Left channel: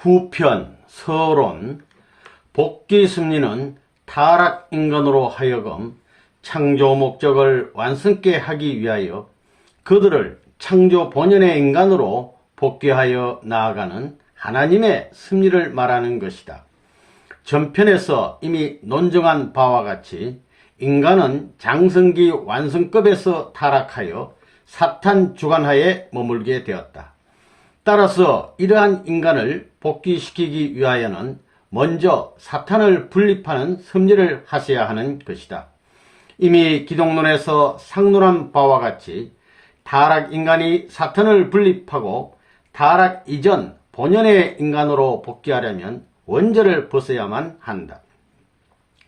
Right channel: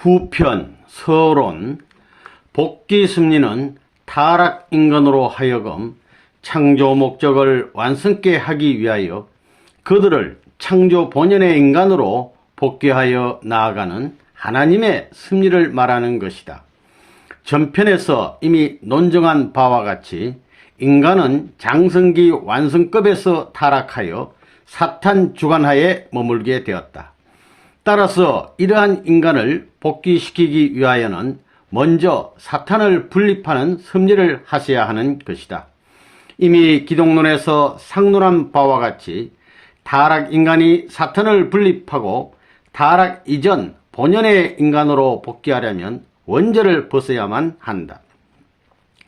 후편, 서론, 복귀 섭리는 타락 인간으로 하여금 창조 목적을 완성케 하기 위하여 그들을 창조 본연의 인간으로 복귀하여 나아가는 하나님의 섭리를 말하는 것이다. 전편에서 이미 논증한 바와 같이 인간은 장성기 완성급에서 타락하여 사탄 주관하에 머물게 되었다. 따라서 이러한 인간을 복귀시키기 위하여는 먼저 사탄을 분립하는 섭리를 하셔야 하는 것이다. 이미 기독론에서 상론한 바와 같이 타락 인간이 사탄을 분립하고 타락 이전 본연의 인간으로 복귀하려면 원죄를 벗어야만 한다.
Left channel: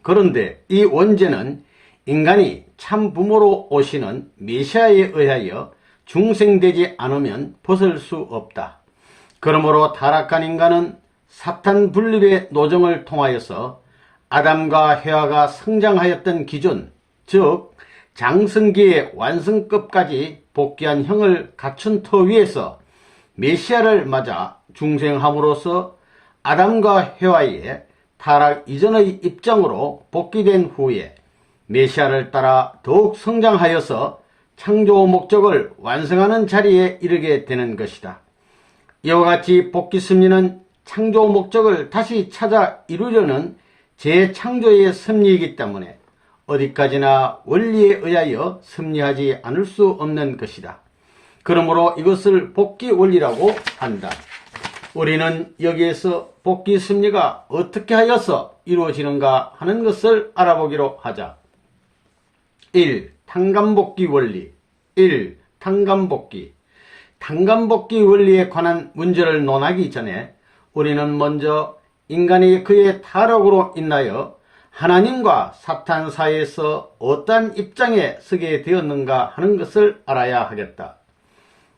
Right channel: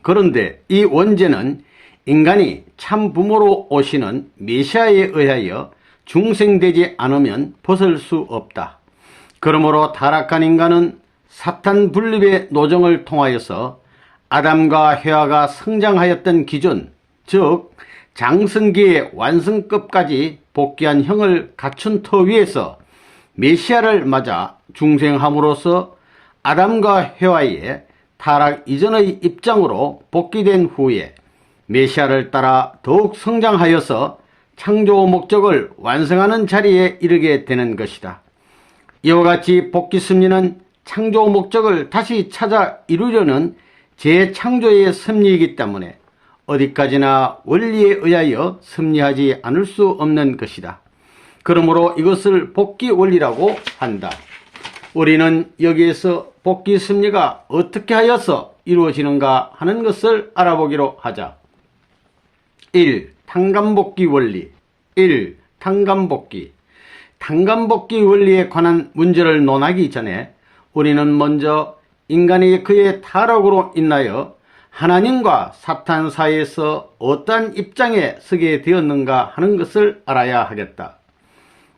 그런데 이 원죄는 인간이 참 부모로 오시는 메시아에 의하여 중생되지 않으면 벗을 수 없다. 그러므로 타락한 인간은 사탄 분립의 노정을 통하여서 아담과 해와가 성장하였던 기준, 즉 장성기의 완성급까지 복귀한 형을 갖춘 터 위에서 메시아를 맞아 중생함으로써 아담과 해와의 타락 이전의 입장으로 복귀된 후에 메시아를 따라 더욱 성장하여서 창조 목적을 완성하는 자리에 이르게 되는 것이다. 이와 같이 복귀 섭리는 창조 목적을 다시 찾아 이루려는 재창조의 섭리이기 때문에 어디까지나 원리에 의하여 섭리하지 않을 수 없는 것이다. 그러므로 이것을 복귀 원리라고 한다. 우리는 여기에서 복귀 섭리가 어떻게 하여서 이루어지는가 하는 것을 알아보기로 하자. 1. 탕감복귀 원리. 1. 탕감복귀. 탕감복귀 원리에 관한 문제를 논하기 전에 우리는 먼저 인간이 그의 타락으로 인하여 하나님과 사탄 사이에서 어떠한 입장에 서게 되었는가 하는 것을 알아야 하겠다.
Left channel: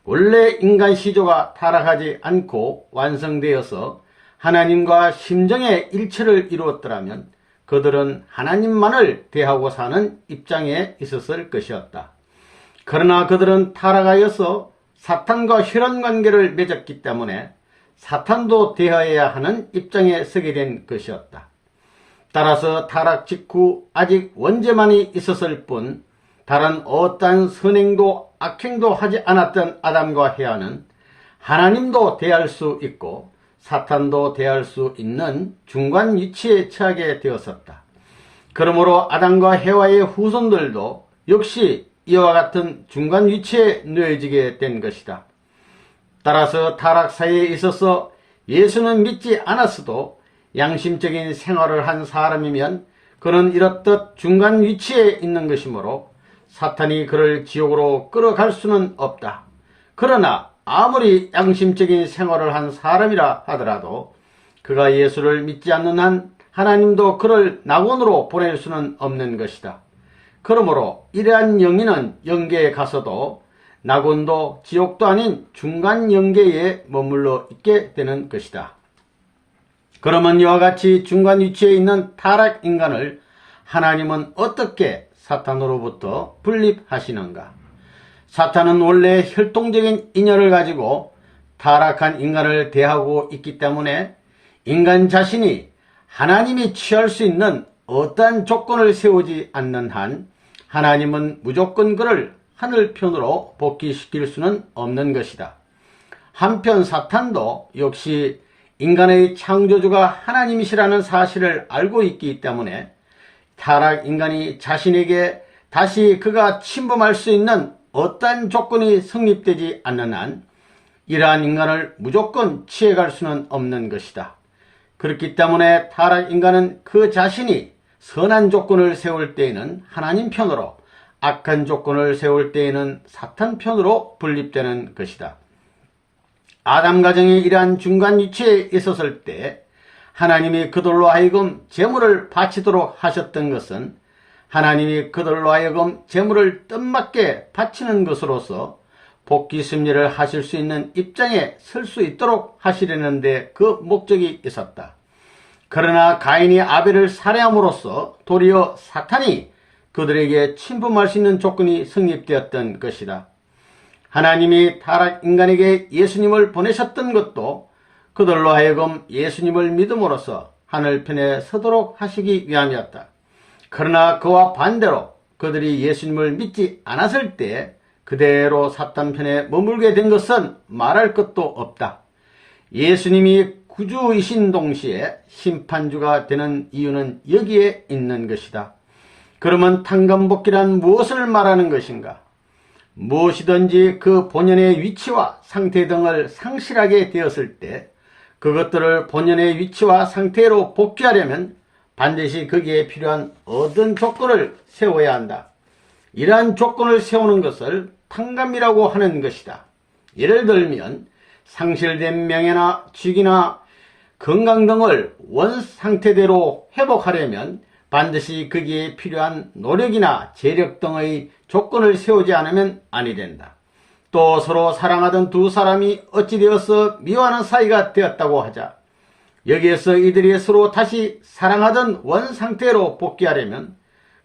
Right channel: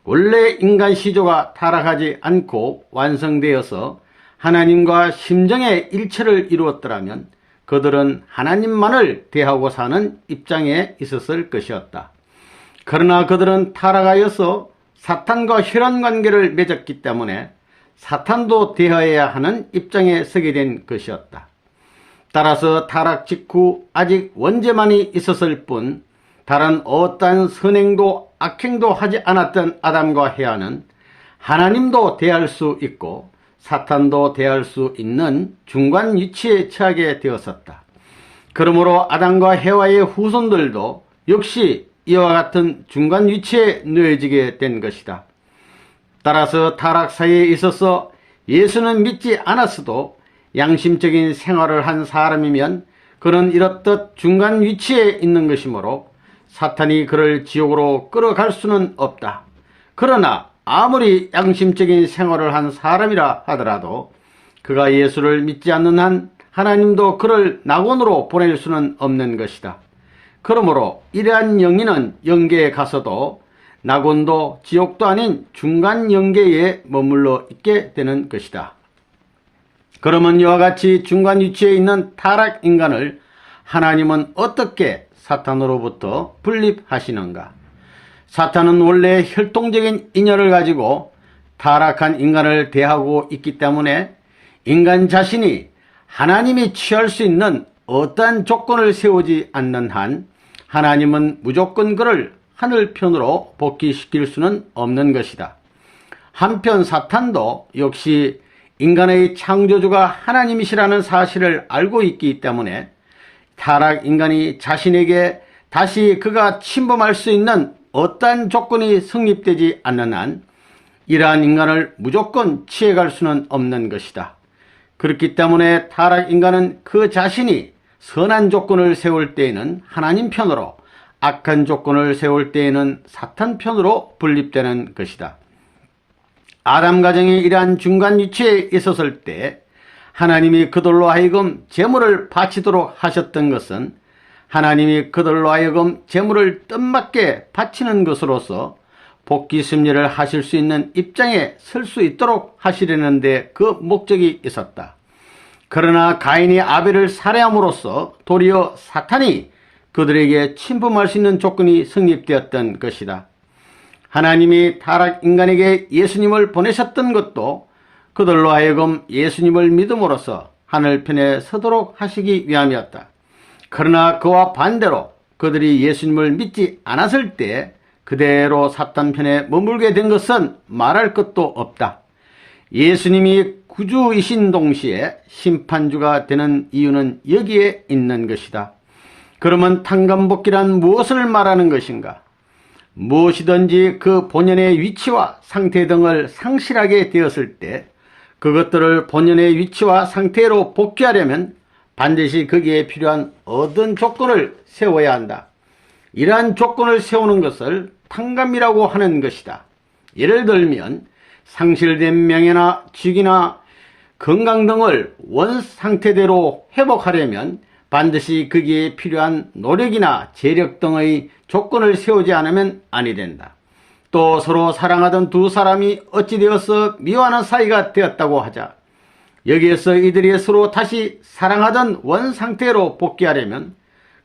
원래 인간 시조가 타락하지 않고 완성되어서 하나님과 심정의 일체를 이루었더라면 그들은 하나님만을 대하고 사는 입장에 있었을 것이었다. 그러나 그들은 타락하여서 사탄과 혈연관계를 맺었기 때문에 사탄도 대하여야 하는 입장에 서게 된 것이었다. 따라서 타락 직후 아직 원죄만이 있었을 뿐 다른 어떠한 선행도 악행도 하지 않았던 아담과 해와는 하나님도 대할 수 있고 사탄도 대할 수 있는 중간 위치에 처하게 되었었다. 그러므로 아담과 해와의 후손들도 역시 이와 같은 중간 위치에 놓여지게 된 것이다. 따라서 타락 사이에 있어서 예수는 믿지 않았어도 양심적인 생활을 한 사람이면 그는 이렇듯 중간 위치에 있는 것이므로 사탄이 그를 지옥으로 끌어갈 수는 없다. 그러나 아무리 양심적인 생활을 한 사람이라 하더라도 그가 예수를 믿지 않는 한 하나님도 그를 낙원으로 보낼 수는 없는 것이다. 그러므로 이러한 영인은 영계에 가서도 낙원도 지옥도 아닌 중간 영계에 머물러 있게 되는 것이다. 그러면 이와 같이 중간 위치에 있는 타락 인간을 하나님은 어떻게 사탄으로부터 분립하시는가? 사탄은 원래 혈통적인 인연을 가지고 타락한 인간을 대하고 있기 때문에 인간 자신이 하나님이 취할 수 있는 어떠한 조건을 세우지 않는 한 하나님은 무조건 그를 하늘편으로 복귀시킬 수는 없는 것이다. 한편 사탄도 역시 인간의 창조주가 하나님이시라는 사실을 알고 있기 때문에 타락 인간이 자신에게 다시 그가 침범할 수 있는 어떠한 조건이 성립되지 않는 한 이러한 인간을 무조건 취해갈 수는 없는 것이다. 그렇기 때문에 타락 인간은 그 자신이 선한 조건을 세울 때에는 하나님 편으로 악한 조건을 세울 때에는 사탄 편으로 분립되는 것이다. 아담 가정이 이러한 중간 위치에 있었을 때 하나님이 그들로 하여금 제물을 바치도록 하셨던 것은 하나님이 그들로 하여금 제물을 뜻맞게 바치는 것으로서 복귀 섭리를 하실 수 있는 입장에 설 수 있도록 하시려는 데 그 목적이 있었다. 그러나 가인이 아벨을 살해함으로써 도리어 사탄이 그들에게 침범할 수 있는 조건이 성립되었던 것이다. 하나님이 타락 인간에게 예수님을 보내셨던 것도 그들로 하여금 예수님을 믿음으로써 하늘편에 서도록 하시기 위함이었다. 그러나 그와 반대로 그들이 예수님을 믿지 않았을 때 그대로 사탄 편에 머물게 된 것은 말할 것도 없다. 예수님이 구주이신 동시에 심판주가 되는 이유는 여기에 있는 것이다. 그러면 탕감복기란 무엇을 말하는 것인가? 무엇이든지 그 본연의 위치와 상태 등을 상실하게 되었을 때 그것들을 본연의 위치와 상태로 복귀하려면 반드시 거기에 필요한 어떤 조건을 세워야 한다. 이러한 조건을 세우는 것을 탕감이라고 하는 것이다. 예를 들면 상실된 명예나 직위나 건강 등을 원 상태대로 회복하려면 반드시 거기에 필요한 노력이나 재력 등의 조건을 세우지 않으면 아니 된다. 또 서로 사랑하던 두 사람이 어찌 되어서 미워하는 사이가 되었다고 하자. 여기에서 이들이 서로 다시 사랑하던 원 상태로 복귀하려면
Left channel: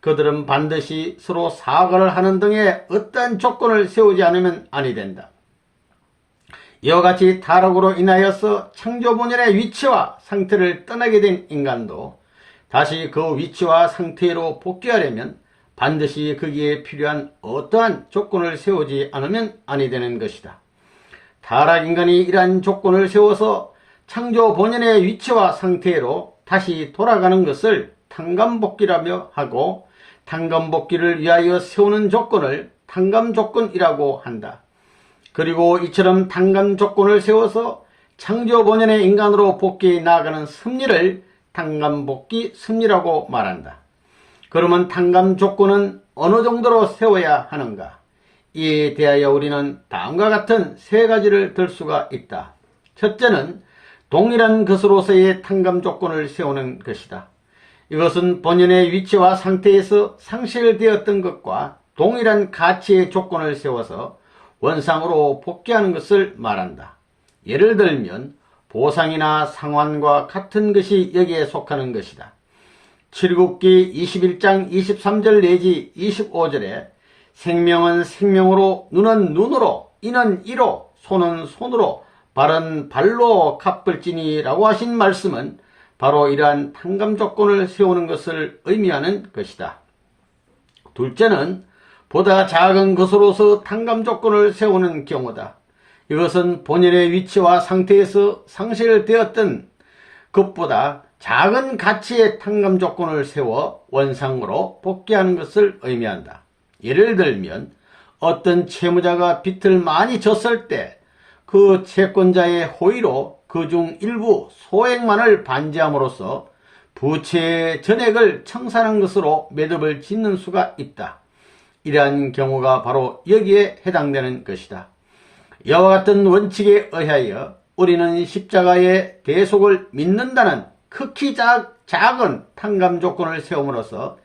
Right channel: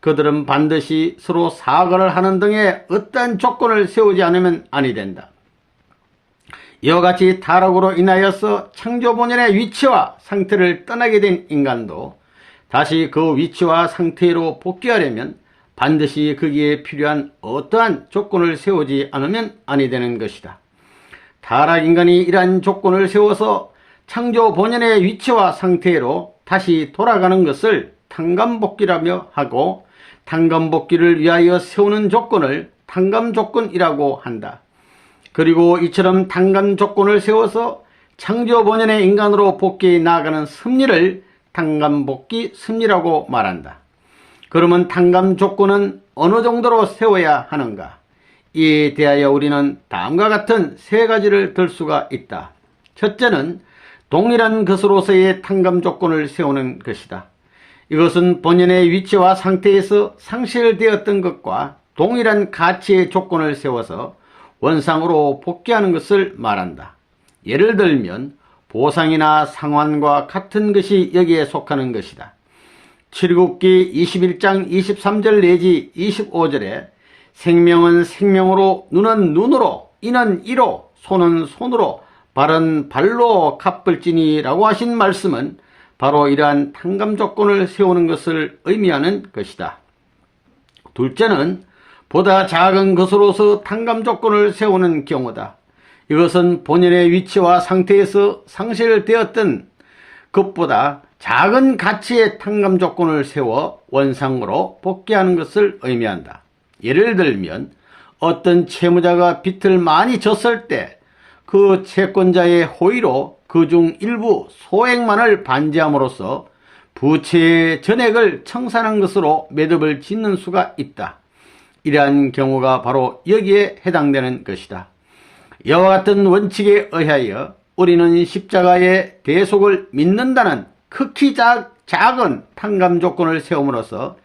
그들은 반드시 서로 사과를 하는 등의 어떠한 조건을 세우지 않으면 아니 된다. 이와 같이 타락으로 인하여서 창조 본연의 위치와 상태를 떠나게 된 인간도 다시 그 위치와 상태로 복귀하려면 반드시 거기에 필요한 어떠한 조건을 세우지 않으면 아니 되는 것이다. 타락인간이 이러한 조건을 세워서 창조 본연의 위치와 상태로 다시 돌아가는 것을 탕감복귀라며 하고 탕감복귀를 위하여 세우는 조건을 탕감조건이라고 한다. 그리고 이처럼 탕감조건을 세워서 창조 본연의 인간으로 복귀해 나아가는 섭리를 탕감복귀 섭리라고 말한다. 그러면 탕감조건은 어느 정도로 세워야 하는가? 이에 대하여 우리는 다음과 같은 세 가지를 들 수가 있다. 첫째는 동일한 것으로서의 탕감조건을 세우는 것이다. 이것은 본연의 위치와 상태에서 상실되었던 것과 동일한 가치의 조건을 세워서 원상으로 복귀하는 것을 말한다. 예를 들면 보상이나 상환과 같은 것이 여기에 속하는 것이다. 출애굽기 21장 23절 내지 25절에 생명은 생명으로, 눈은 눈으로, 이는 이로, 손은 손으로, 발은 발로 갚을지니 라고 하신 말씀은 바로 이러한 탕감 조건을 세우는 것을 의미하는 것이다. 둘째는 보다 작은 것으로서 탕감 조건을 세우는 경우다. 이것은 본연의 위치와 상태에서 상실되었던 것보다 작은 가치의 탕감 조건을 세워 원상으로 복귀하는 것을 의미한다. 예를 들면 어떤 채무자가 빚을 많이 졌을 때 그 채권자의 호의로 그중 일부 소액만을 반지함으로써 부채의 전액을 청산한 것으로 매듭을 짓는 수가 있다. 이러한 경우가 바로 여기에 해당되는 것이다. 이와 같은 원칙에 의하여 우리는 십자가의 대속을 믿는다는 극히 작은 탕감 조건을 세움으로써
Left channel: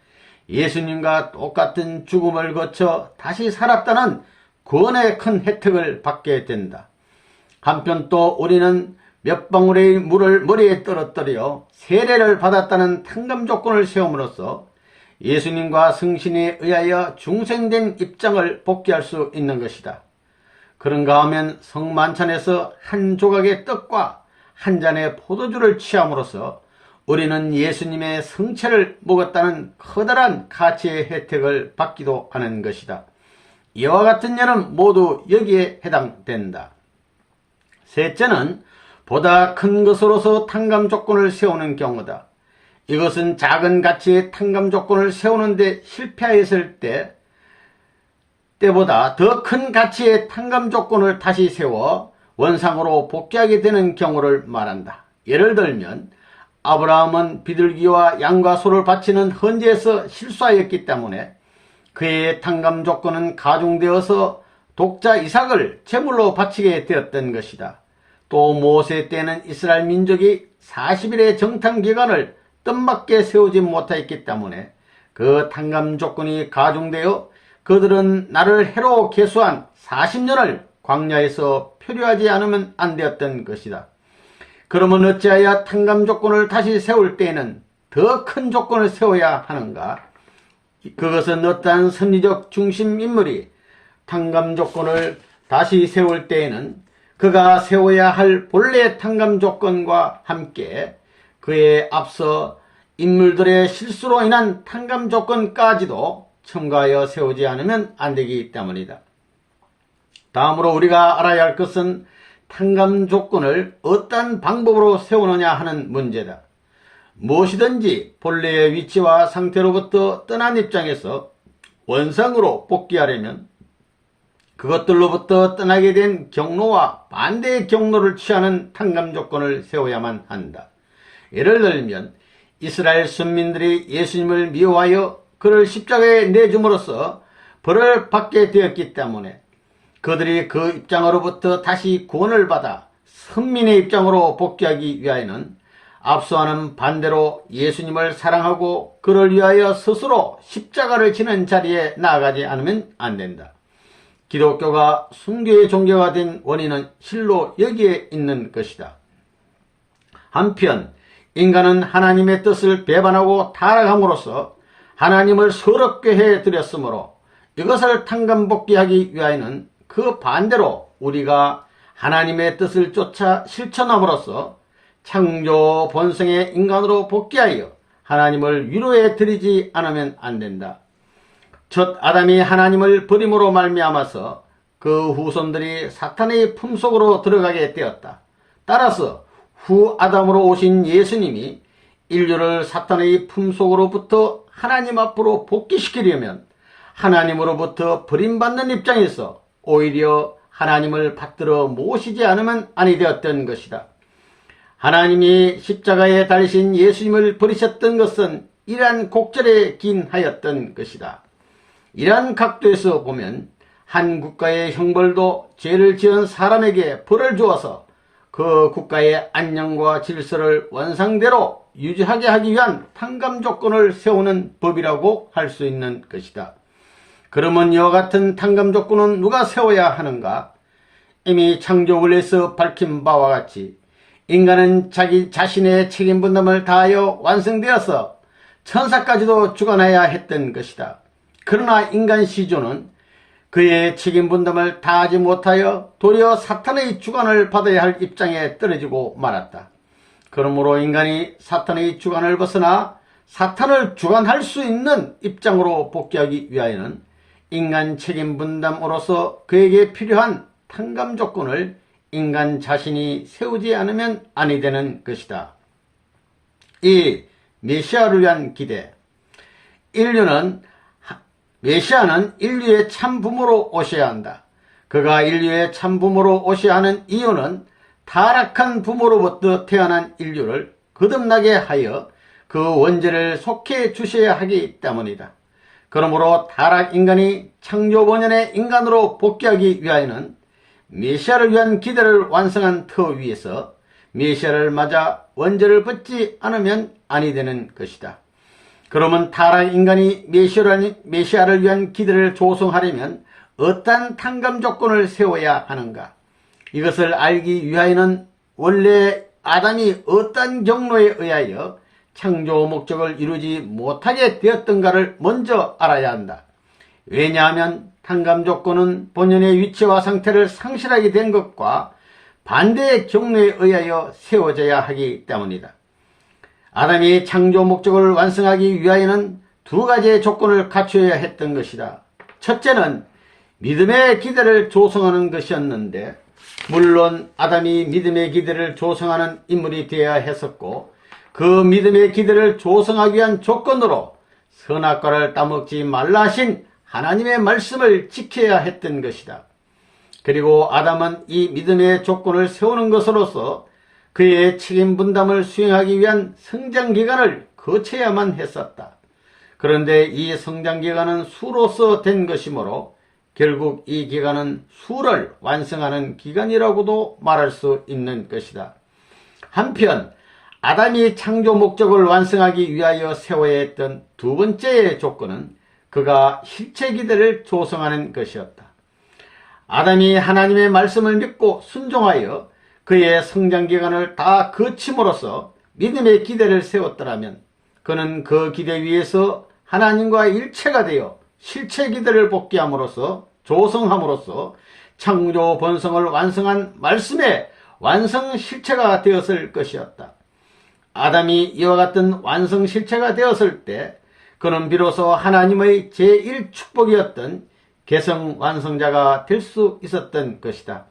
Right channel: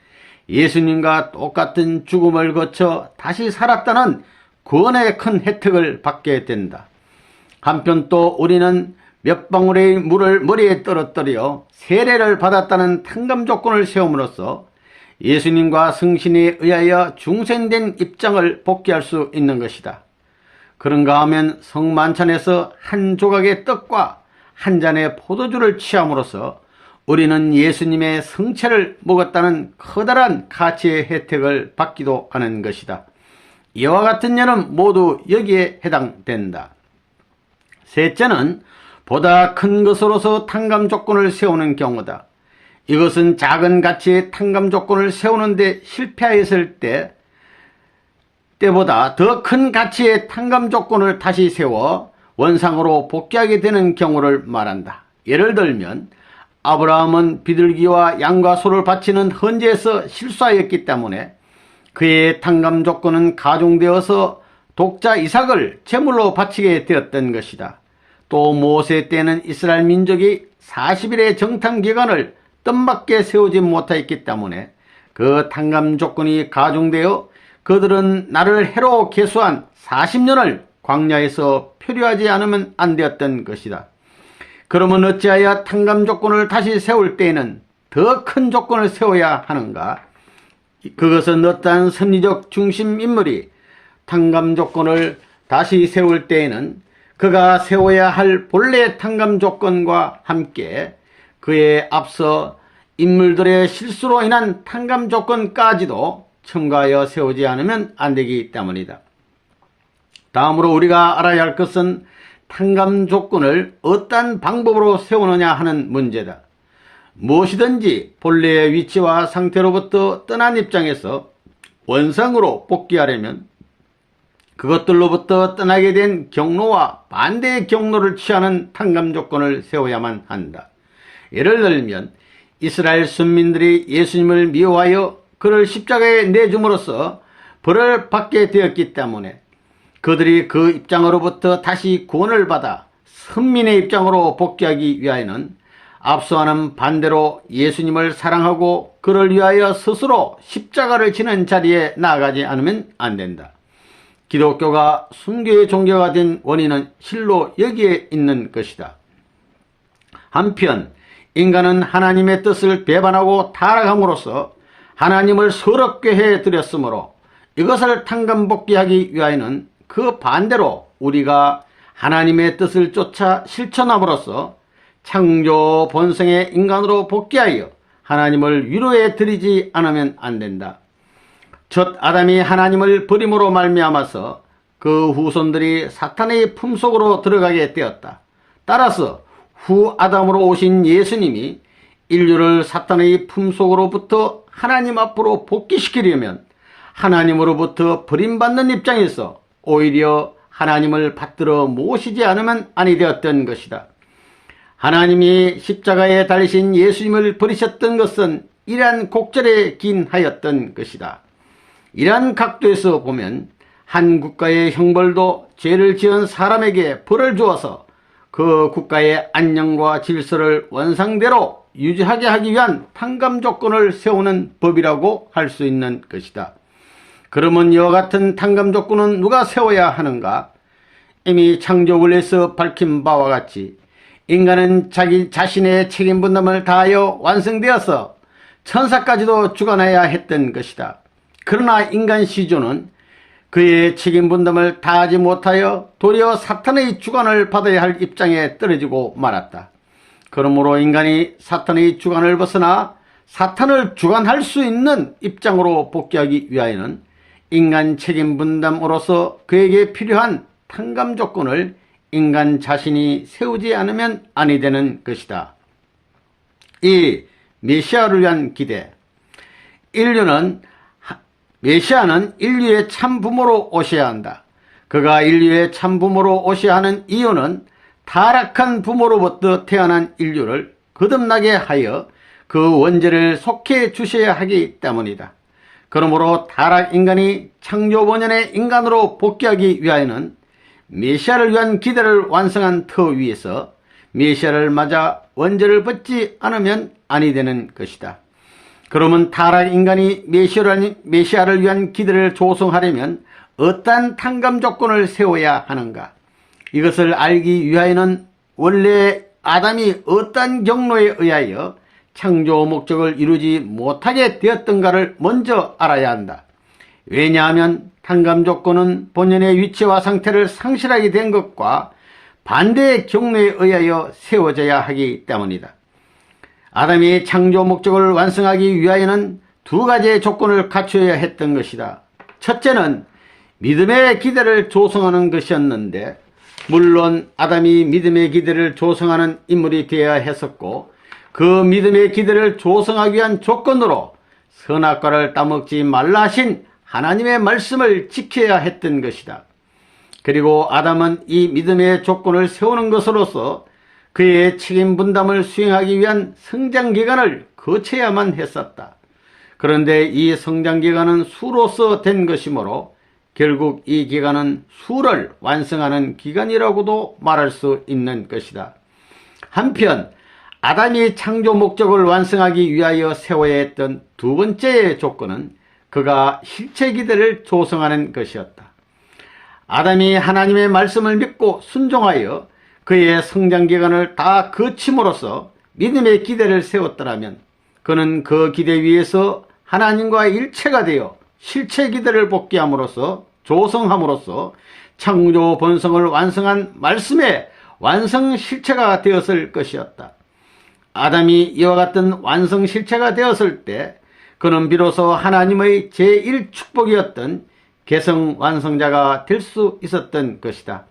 예수님과 똑같은 죽음을 거쳐 다시 살았다는 구원의 큰 혜택을 받게 된다. 한편 또 우리는 몇 방울의 물을 머리에 떨어뜨려 세례를 받았다는 탕감 조건을 세움으로써 예수님과 성신에 의하여 중생된 입장을 복귀할 수 있는 것이다. 그런가 하면 성만찬에서 한 조각의 떡과 한 잔의 포도주를 취함으로써 우리는 예수님의 성체를 먹었다는 커다란 가치의 혜택을 받기도 하는 것이다. 이와 같은 예는 모두 여기에 해당된다. 셋째는 보다 큰 것으로서 탕감 조건을 세우는 경우다. 이것은 작은 가치의 탕감 조건을 세우는데 실패하였을 때보다 더 큰 가치의 탕감 조건을 다시 세워 원상으로 복귀하게 되는 경우를 말한다. 예를 들면 아브라함은 비둘기와 양과 소를 바치는 헌재에서 실수하였기 때문에 그의 탕감 조건은 가중되어서 독자 이삭을 제물로 바치게 되었던 것이다. 또 모세 때는 이스라엘 민족이 40일의 정탐 기간을 뜻밖에 세우지 못하였기 때문에 그 탕감 조건이 가중되어 그들은 나를 해로 계수한 40년을 광야에서 표류하지 않으면 안 되었던 것이다. 그러면 어찌하여 탕감 조건을 다시 세울 때에는 더 큰 조건을 세워야 하는가? 그것은 어떠한 선리적 중심 인물이 탕감 조건을 다시 세울 때에는 그가 세워야 할 본래 탕감 조건과 함께 그에 앞서 인물들의 실수로 인한 탕감 조건까지도 첨가하여 세우지 않으면 안 되기 때문이다. 다음으로 우리가 알아야 할 것은 탕감 조건을 어떤 방법으로 세우느냐 하는 문제다. 무엇이든지 본래의 위치와 상태로부터 떠난 입장에서 원상으로 복귀하려면 그것들로부터 떠나게 된 경로와 반대의 경로를 취하는 탕감 조건을 세워야만 한다. 예를 들면 이스라엘 선민들이 예수님을 미워하여 그를 십자가에 내줌으로써 벌을 받게 되었기 때문에 그들이 그 입장으로부터 다시 구원을 받아 선민의 입장으로 복귀하기 위하여는 앞서와는 반대로 예수님을 사랑하고 그를 위하여 스스로 십자가를 지는 자리에 나아가지 않으면 안 된다. 기독교가 순교의 종교가 된 원인은 실로 여기에 있는 것이다. 한편 인간은 하나님의 뜻을 배반하고 타락함으로써 하나님을 서럽게 해드렸으므로 이것을 탕감복귀하기 위하여는 그 반대로 우리가 하나님의 뜻을 쫓아 실천함으로써 창조 본성의 인간으로 복귀하여 하나님을 위로해 드리지 않으면 안 된다. 첫 아담이 하나님을 버림으로 말미암아서 그 후손들이 사탄의 품속으로 들어가게 되었다. 따라서 후 아담으로 오신 예수님이 인류를 사탄의 품속으로부터 하나님 앞으로 복귀시키려면 하나님으로부터 버림받는 입장에서 오히려 하나님을 받들어 모시지 않으면 아니 되었던 것이다. 하나님이 십자가에 달리신 예수님을 버리셨던 것은 이러한 곡절에 기인하였던 것이다. 이러한 각도에서 보면 한 국가의 형벌도 죄를 지은 사람에게 벌을 주어서 그 국가의 안녕과 질서를 원상대로 유지하게 하기 위한 탕감 조건을 세우는 법이라고 할 수 있는 것이다. 그러면 이와 같은 탕감 조건은 누가 세워야 하는가? 이미 창조 원리에서 밝힌 바와 같이 인간은 자기 자신의 책임 분담을 다하여 완성되어서 천사까지도 주관해야 했던 것이다. 그러나 인간 시조는 그의 책임 분담을 다하지 못하여 도리어 사탄의 주관을 받아야 할 입장에 떨어지고 말았다. 그러므로 인간이 사탄의 주관을 벗어나 사탄을 주관할 수 있는 입장으로 복귀하기 위하여는 인간 책임 분담으로서 그에게 필요한 탕감 조건을 인간 자신이 세우지 않으면 아니 되는 것이다. 이 메시아를 위한 기대. 메시아는 인류의 참부모로 오셔야 한다. 그가 인류의 참부모로 오셔야 하는 이유는 타락한 부모로부터 태어난 인류를 거듭나게 하여 그 원죄를 속해 주셔야 하기 때문이다. 그러므로 타락 인간이 창조 본연의 인간으로 복귀하기 위하여는 메시아를 위한 기대를 완성한 터 위에서 메시아를 맞아 원죄를 벗지 않으면 아니 되는 것이다. 그러면 타락 인간이 메시아를 위한 기대를 조성하려면 어떠한 탕감 조건을 세워야 하는가? 이것을 알기 위하여는 원래 아담이 어떤 경로에 의하여 창조 목적을 이루지 못하게 되었던가를 먼저 알아야 한다. 왜냐하면 탕감 조건은 본연의 위치와 상태를 상실하게 된 것과 반대의 경로에 의하여 세워져야 하기 때문이다. 아담이 창조 목적을 완성하기 위하여는 두 가지의 조건을 갖추어야 했던 것이다. 첫째는 믿음의 기대를 조성하는 것이었는데, 물론 아담이 믿음의 기대를 조성하는 인물이 되어야 했었고, 그 믿음의 기대를 조성하기 위한 조건으로 선악과를 따먹지 말라 하신 하나님의 말씀을 지켜야 했던 것이다. 그리고 아담은 이 믿음의 조건을 세우는 것으로서 그의 책임 분담을 수행하기 위한 성장기간을 거쳐야만 했었다. 그런데 이 성장기간은 수로서 된 것이므로 결국 이 기간은 수를 완성하는 기간이라고도 말할 수 있는 것이다. 한편 아담이 창조 목적을 완성하기 위하여 세워야 했던 두 번째의 조건은 그가 실체 기대를 조성하는 것이었다. 아담이 하나님의 말씀을 믿고 순종하여 그의 성장기간을 다 거침으로써 믿음의 기대를 세웠더라면 그는 그 기대 위에서 하나님과 일체가 되어 실체 기대를 복귀함으로써 조성함으로써 창조 본성을 완성한 말씀의 완성 실체가 되었을 것이었다. 아담이 이와 같은 완성 실체가 되었을 때 그는 비로소 하나님의 제1축복이었던 개성 완성자가 될 수 있었던 것이다.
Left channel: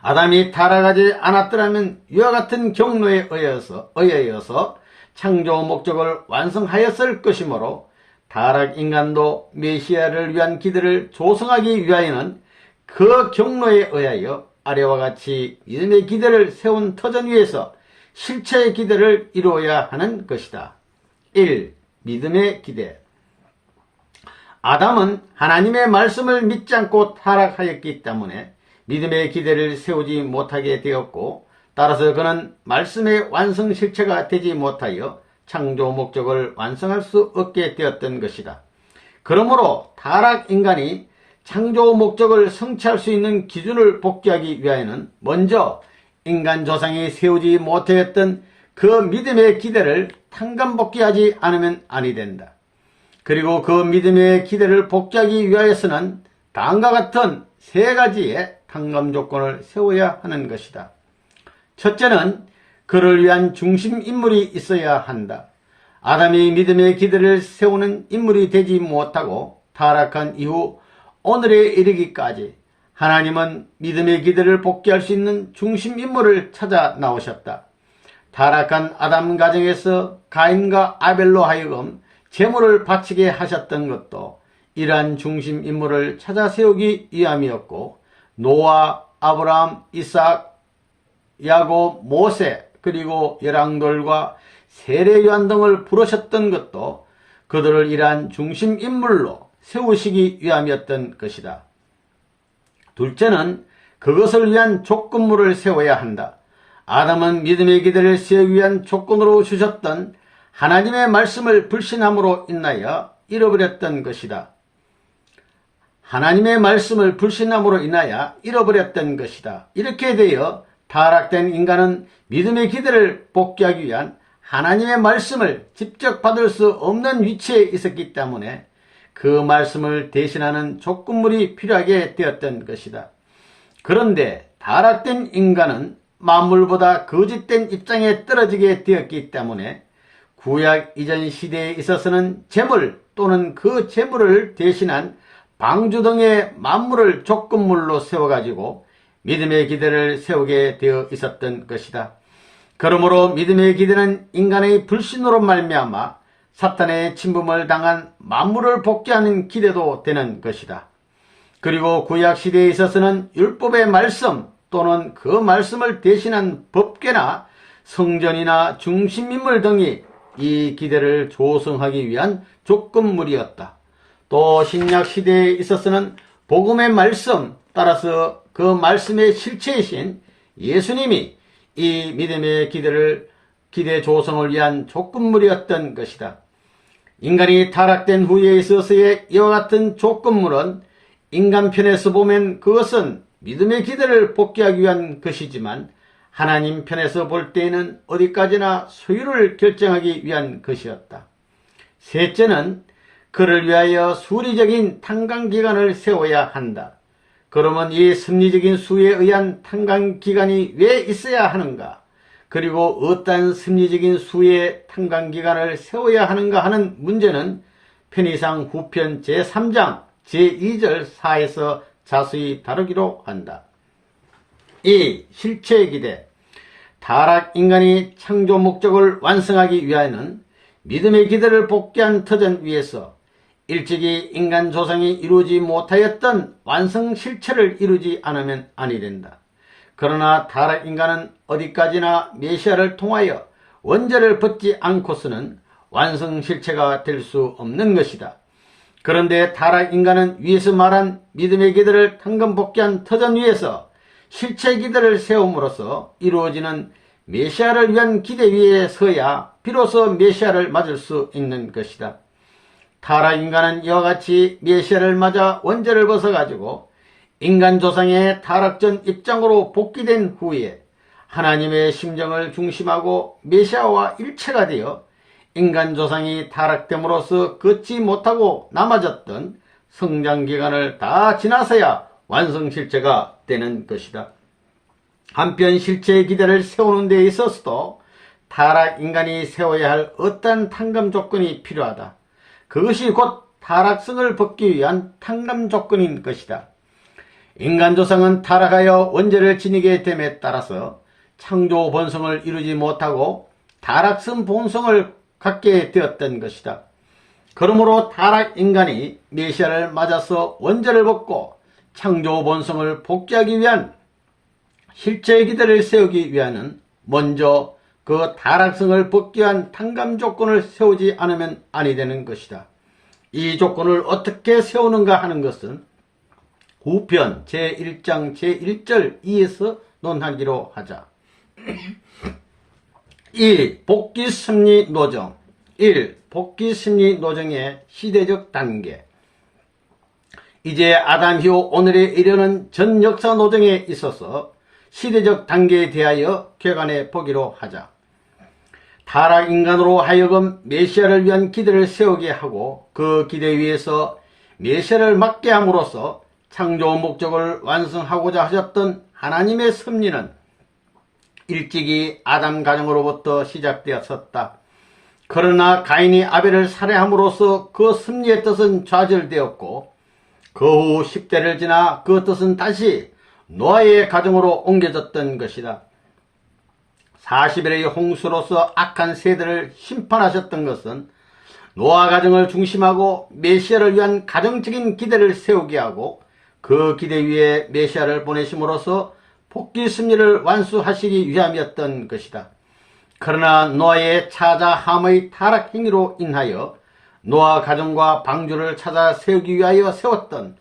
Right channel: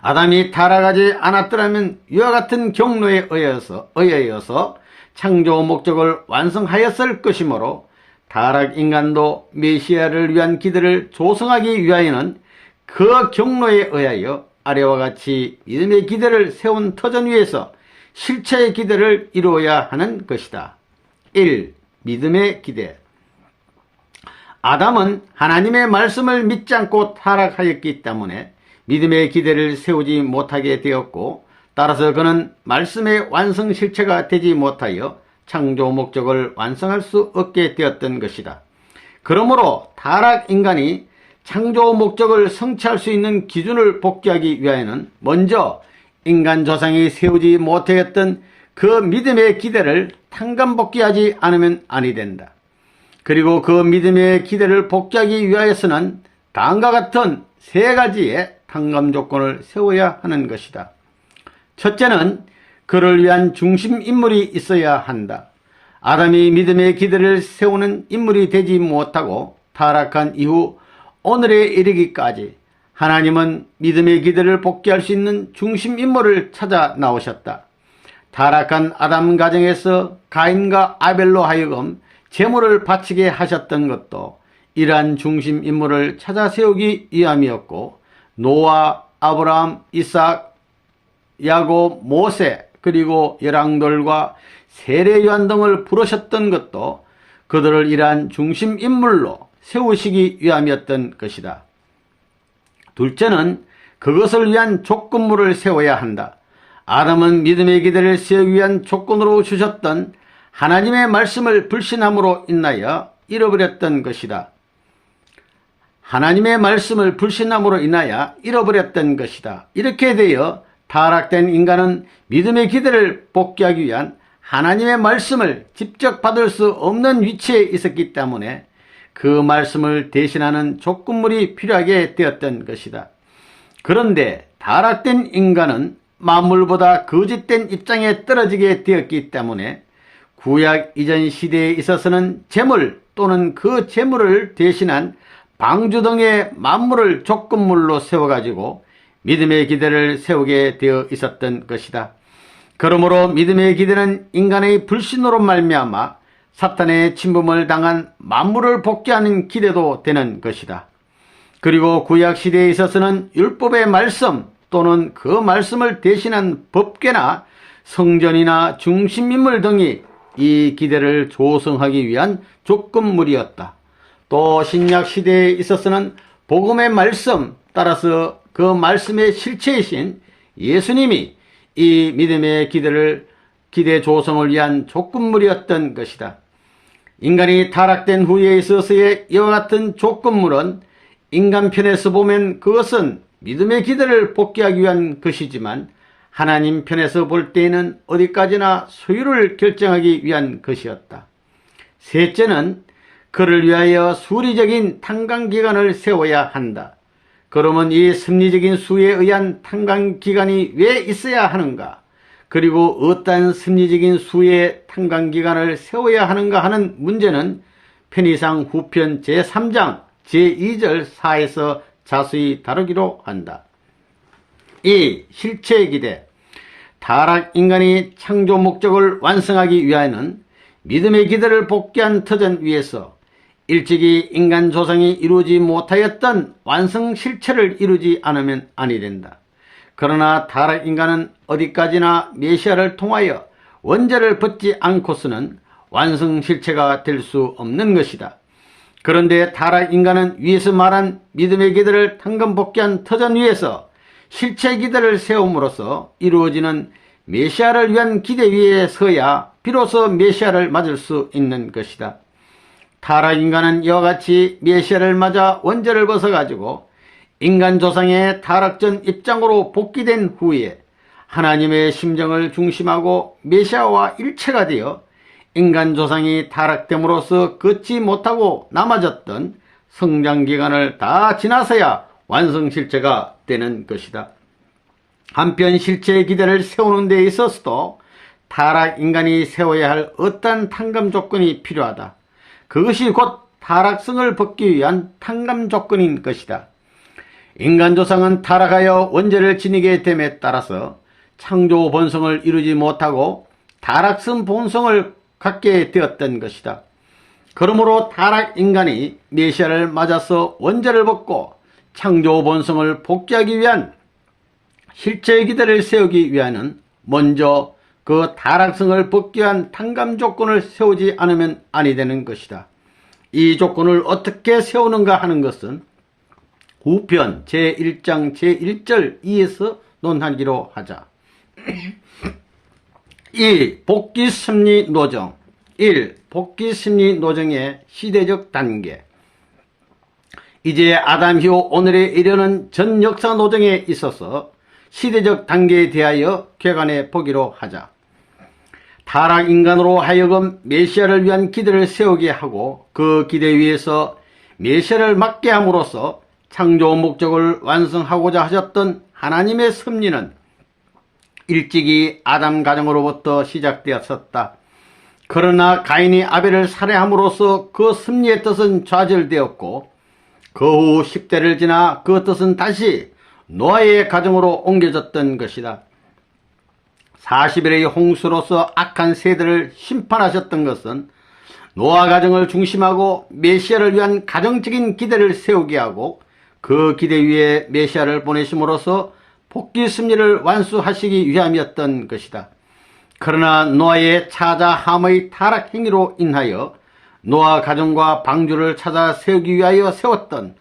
아담이 타락하지 않았더라면 이와 같은 경로에 의하여서 창조 목적을 완성하였을 것이므로 타락 인간도 메시아를 위한 기대를 조성하기 위하여는 그 경로에 의하여 아래와 같이 믿음의 기대를 세운 터전 위에서 실체의 기대를 이루어야 하는 것이다. 1. 믿음의 기대. 아담은 하나님의 말씀을 믿지 않고 타락하였기 때문에 믿음의 기대를 세우지 못하게 되었고, 따라서 그는 말씀의 완성 실체가 되지 못하여 창조 목적을 완성할 수 없게 되었던 것이다. 그러므로 타락 인간이 창조 목적을 성취할 수 있는 기준을 복귀하기 위하여는 먼저 인간 조상이 세우지 못하였던 그 믿음의 기대를 탕감복귀하지 않으면 아니 된다. 그리고 그 믿음의 기대를 복귀하기 위하여서는 다음과 같은 세 가지의 탕감 조건을 세워야 하는 것이다. 첫째는 그를 위한 중심 인물이 있어야 한다. 아담이 믿음의 기대를 세우는 인물이 되지 못하고 타락한 이후 오늘에 이르기까지 하나님은 믿음의 기대를 복귀할 수 있는 중심 인물을 찾아 나오셨다. 타락한 아담 가정에서 가인과 아벨로 하여금 제물을 바치게 하셨던 것도 이러한 중심 인물을 찾아 세우기 위함이었고, 노아, 아브라함, 이삭, 야곱, 모세, 그리고 열왕들과 세례 요한 등을 부르셨던 것도 그들을 이러한 중심 인물로 세우시기 위함이었던 것이다. 둘째는 그것을 위한 조건물을 세워야 한다. 아담은 믿음의 기대를 세우기 위한 조건으로 주셨던 하나님의 말씀을 불신함으로 인하여 잃어버렸던 것이다. 하나님의 말씀을 불신함으로 인하여 잃어버렸던 것이다. 이렇게 되어 타락된 인간은 믿음의 기대를 복귀하기 위한 하나님의 말씀을 직접 받을 수 없는 위치에 있었기 때문에 그 말씀을 대신하는 조건물이 필요하게 되었던 것이다. 그런데 타락된 인간은 만물보다 거짓된 입장에 떨어지게 되었기 때문에 구약 이전 시대에 있어서는 제물 또는 그 제물을 대신한 방주 등의 만물을 조건물로 세워가지고 믿음의 기대를 세우게 되어 있었던 것이다. 그러므로 믿음의 기대는 인간의 불신으로 말미암아 사탄의 침범을 당한 만물을 복귀하는 기대도 되는 것이다. 그리고 구약시대에 있어서는 율법의 말씀 또는 그 말씀을 대신한 법궤나 성전이나 중심인물 등이 이 기대를 조성하기 위한 조건물이었다. 또 신약시대에 있어서는 복음의 말씀, 따라서 그 말씀의 실체이신 예수님이 이 믿음의 기대 조성을 위한 조건물이었던 것이다. 인간이 타락된 후에 있어서의 이와 같은 조건물은 인간 편에서 보면 그것은 믿음의 기대를 복귀하기 위한 것이지만 하나님 편에서 볼 때에는 어디까지나 소유를 결정하기 위한 것이었다. 셋째는 그를 위하여 수리적인 탕감기간을 세워야 한다. 그러면 이 섭리적인 수에 의한 탕감기간이 왜 있어야 하는가? 그리고 어떤 섭리적인 수의 탕감기간을 세워야 하는가 하는 문제는 편의상 후편 제3장 제2절 4에서 자세히 다루기로 한다. 2. 실체의 기대. 타락 인간이 창조 목적을 완성하기 위하여는 믿음의 기대를 복귀한 터전 위에서 일찍이 인간 조상이 이루지 못하였던 완성 실체를 이루지 않으면 아니 된다. 그러나 타락 인간은 어디까지나 메시아를 통하여 원죄를 벗지 않고서는 완성 실체가 될 수 없는 것이다. 그런데 타락 인간은 위에서 말한 믿음의 기대를 탕감 복귀한 터전 위에서 실체 기대를 세움으로써 이루어지는 메시아를 위한 기대 위에 서야 비로소 메시아를 맞을 수 있는 것이다. 타락 인간은 이와 같이 메시아를 맞아 원죄를 벗어가지고 인간 조상의 타락전 입장으로 복귀된 후에 하나님의 심정을 중심하고 메시아와 일체가 되어 인간 조상이 타락됨으로써 걷지 못하고 남아졌던 성장기간을 다 지나서야 완성 실체가 되는 것이다. 한편 실체의 기대를 세우는 데 있어서도 타락 인간이 세워야 할 어떠한 탕감 조건이 필요하다. 그것이 곧 타락성을 벗기 위한 탕감 조건인 것이다. 인간 조상은 타락하여 원죄를 지니게 됨에 따라서 창조 본성을 이루지 못하고 타락성 본성을 갖게 되었던 것이다. 그러므로 타락 인간이 메시아를 맞아서 원죄를 벗고 창조 본성을 복귀하기 위한 실체의 기대를 세우기 위하여는 먼저 그 타락성을 벗기 위한 탕감 조건을 세우지 않으면 아니 되는 것이다. 이 조건을 어떻게 세우는가 하는 것은 후편 제1장 제1절 2에서 논하기로 하자. 2. 복귀 심리 노정. 1. 복귀 심리 노정의 시대적 단계. 이제 아담 이후 오늘에 이르는 전 역사 노정에 있어서 시대적 단계에 대하여 객관해 보기로 하자. 타락 인간으로 하여금 메시아를 위한 기대를 세우게 하고 그 기대 위에서 메시아를 맡게 함으로써 창조 목적을 완성하고자 하셨던 하나님의 섭리는 일찍이 아담 가정으로부터 시작되었었다. 그러나 가인이 아벨을 살해함으로써 그 섭리의 뜻은 좌절되었고 그 후 10대를 지나 그 뜻은 다시 노아의 가정으로 옮겨졌던 것이다. 40일의 홍수로서 악한 세대를 심판하셨던 것은 노아 가정을 중심하고 메시아를 위한 가정적인 기대를 세우게 하고 그 기대 위에 메시아를 보내심으로써 복귀 섭리를 완수하시기 위함이었던 것이다. 그러나 노아의 차자 함의 타락 행위로 인하여 노아 가정과 방주를 찾아 세우기 위하여 세웠던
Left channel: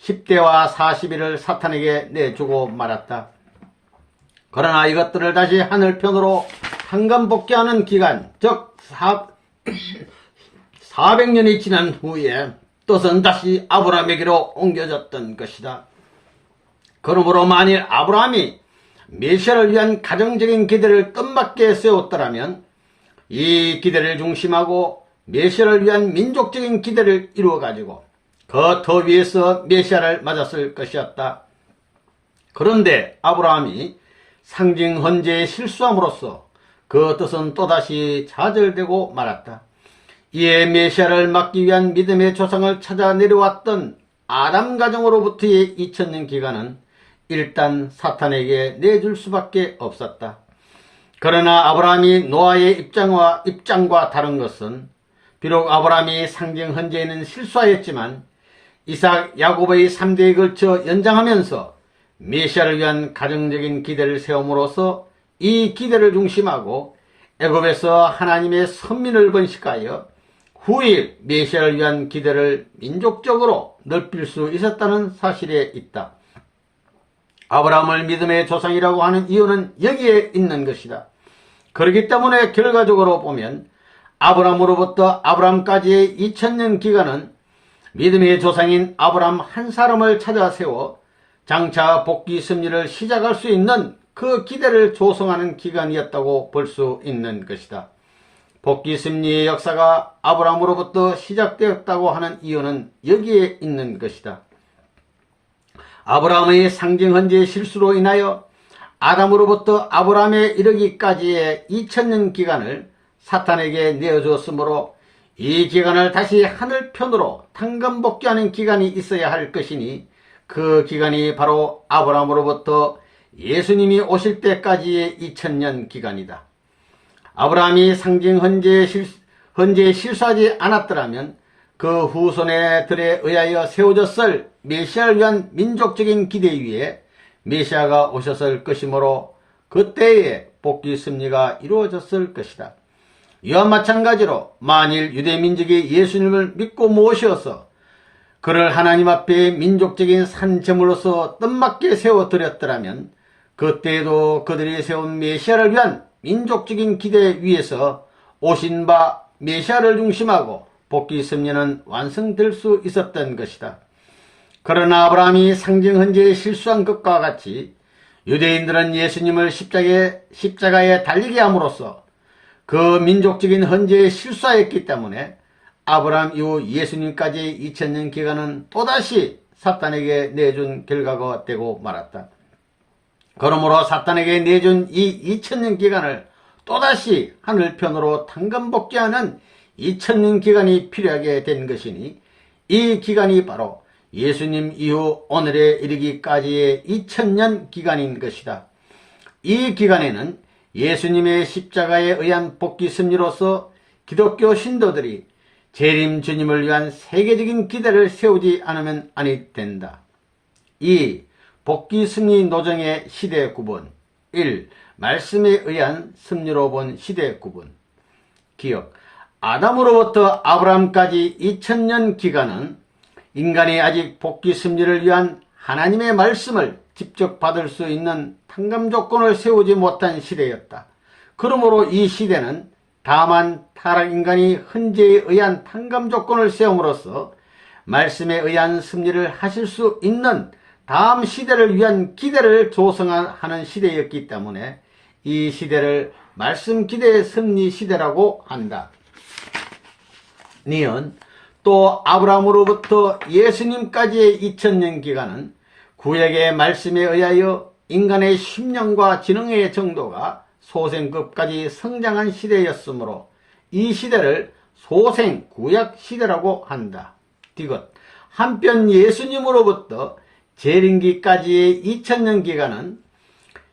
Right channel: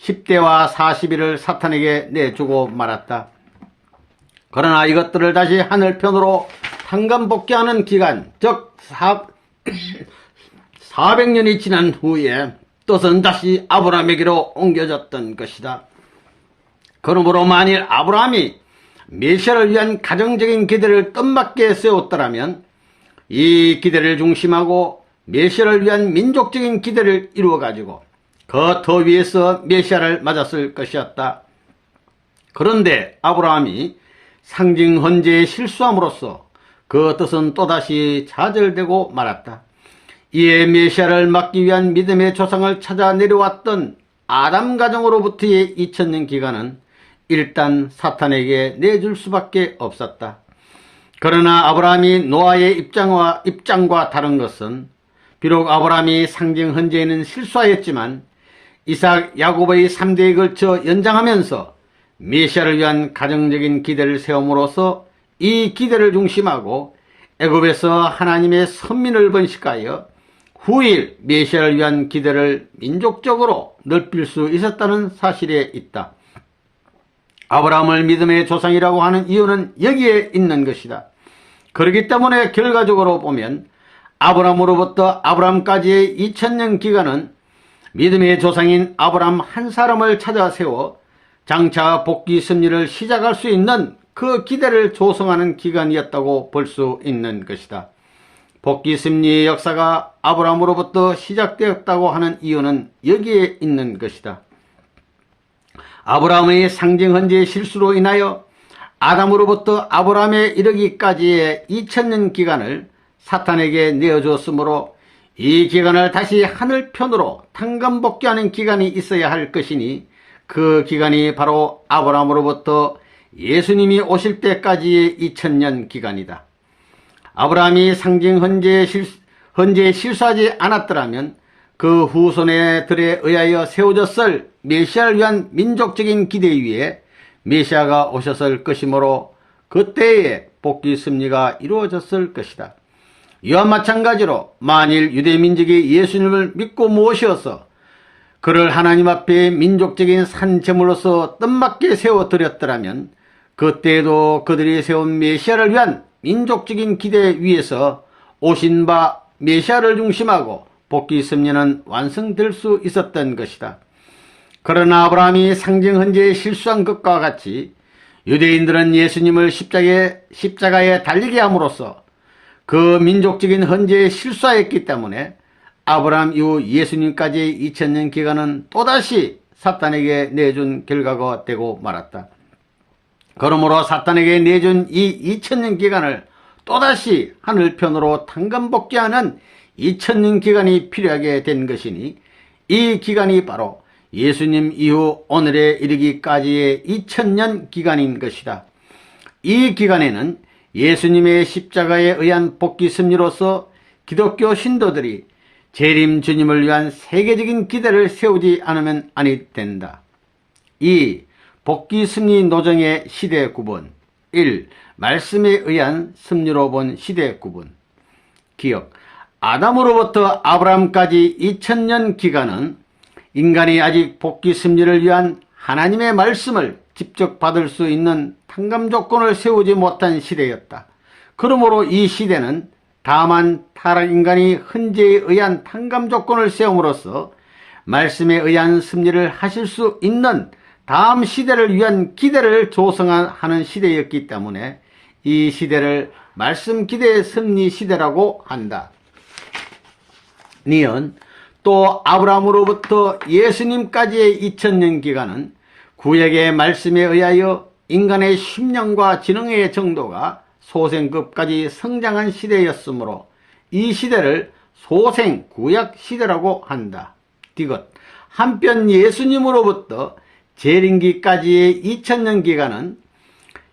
10대와 40일을 사탄에게 내주고 말았다. 그러나 이것들을 다시 하늘편으로 탕감복귀하는 기간, 즉 400년이 지난 후에 뜻은 다시 아브라함에게로 옮겨졌던 것이다. 그러므로 만일 아브라함이 메시아를 위한 가정적인 기대를 뜻맞게 세웠더라면 이 기대를 중심하고 메시아를 위한 민족적인 기대를 이루어가지고 그 더 위에서 메시아를 맞았을 것이었다. 그런데 아브라함이 상징 헌재에 실수함으로써 그 뜻은 또다시 좌절되고 말았다. 이에 메시아를 맡기 위한 믿음의 조상을 찾아 내려왔던 아담 가정으로부터의 2000년 기간은 일단 사탄에게 내줄 수밖에 없었다. 그러나 아브라함이 노아의 입장과 다른 것은 비록 아브라함이 상징 헌재에는 실수하였지만 이삭, 야곱의 3대에 걸쳐 연장하면서 메시아를 위한 가정적인 기대를 세움으로써 이 기대를 중심하고 애굽에서 하나님의 선민을 번식하여 후일 메시아를 위한 기대를 민족적으로 넓힐 수 있었다는 사실에 있다. 아브라함을 믿음의 조상이라고 하는 이유는 여기에 있는 것이다. 그렇기 때문에 결과적으로 보면 아브라함으로부터 아브라함까지의 2000년 기간은 믿음의 조상인 아브라함 한 사람을 찾아 세워 장차 복귀 섭리를 시작할 수 있는 그 기대를 조성하는 기간이었다고 볼 수 있는 것이다. 복귀 섭리의 역사가 아브라함으로부터 시작되었다고 하는 이유는 여기에 있는 것이다. 아브라함의 상징 헌재의 실수로 인하여 아담으로부터 아브라함에 이르기까지의 2000년 기간을 사탄에게 내어주었으므로 이 기간을 다시 하늘편으로 탕감복귀하는 기간이 있어야 할 것이니 그 기간이 바로 아브라함으로부터 예수님이 오실 때까지의 2000년 기간이다. 아브라함이 상징 헌재에 실수하지 않았더라면 그 후손들에 의하여 세워졌을 메시아를 위한 민족적인 기대 위에 메시아가 오셨을 것이므로 그때에 복귀 섭리가 이루어졌을 것이다. 이와 마찬가지로 만일 유대민족이 예수님을 믿고 모셔서 그를 하나님 앞에 민족적인 산제물로서 뜻맞게 세워드렸더라면 그때에도 그들이 세운 메시아를 위한 민족적인 기대 위에서 오신 바 메시아를 중심하고 복귀 섭리는 완성될 수 있었던 것이다. 그러나 아브라함이 상징 헌재에 실수한 것과 같이 유대인들은 예수님을 십자가에 달리게 함으로써 그 민족적인 헌재에 실수하였기 때문에 아브라함 이후 예수님까지의 2000년 기간은 또다시 사탄에게 내준 결과가 되고 말았다. 그러므로 사탄에게 내준 이 2000년 기간을 또다시 하늘편으로 탕감복귀하는 2000년 기간이 필요하게 된 것이니, 이 기간이 바로 예수님 이후 오늘에 이르기까지의 2000년 기간인 것이다. 이 기간에는 예수님의 십자가에 의한 복귀 승리로서 기독교 신도들이 재림 주님을 위한 세계적인 기대를 세우지 않으면 아니 된다. 2. 복귀 승리 노정의 시대 구분. 1. 말씀에 의한 승리로 본 시대 구분. 기억. 아담으로부터 아브라함까지 2000년 기간은 인간이 아직 복귀 승리를 위한 하나님의 말씀을 직접 받을 수 있는 탕감 조건을 세우지 못한 시대였다. 그러므로 이 시대는 다만 타락 인간이 헌재에 의한 탕감 조건을 세움으로써 말씀에 의한 승리를 하실 수 있는 다음 시대를 위한 기대를 조성하는 시대였기 때문에 이 시대를 말씀 기대의 승리 시대라고 한다. 니은 또 아브라함으로부터 예수님까지의 2000년 기간은 구약의 말씀에 의하여 인간의 심령과 지능의 정도가 소생급까지 성장한 시대였으므로 이 시대를 소생 구약 시대라고 한다. 디귿. 한편 예수님으로부터 재림기까지의 2000년 기간은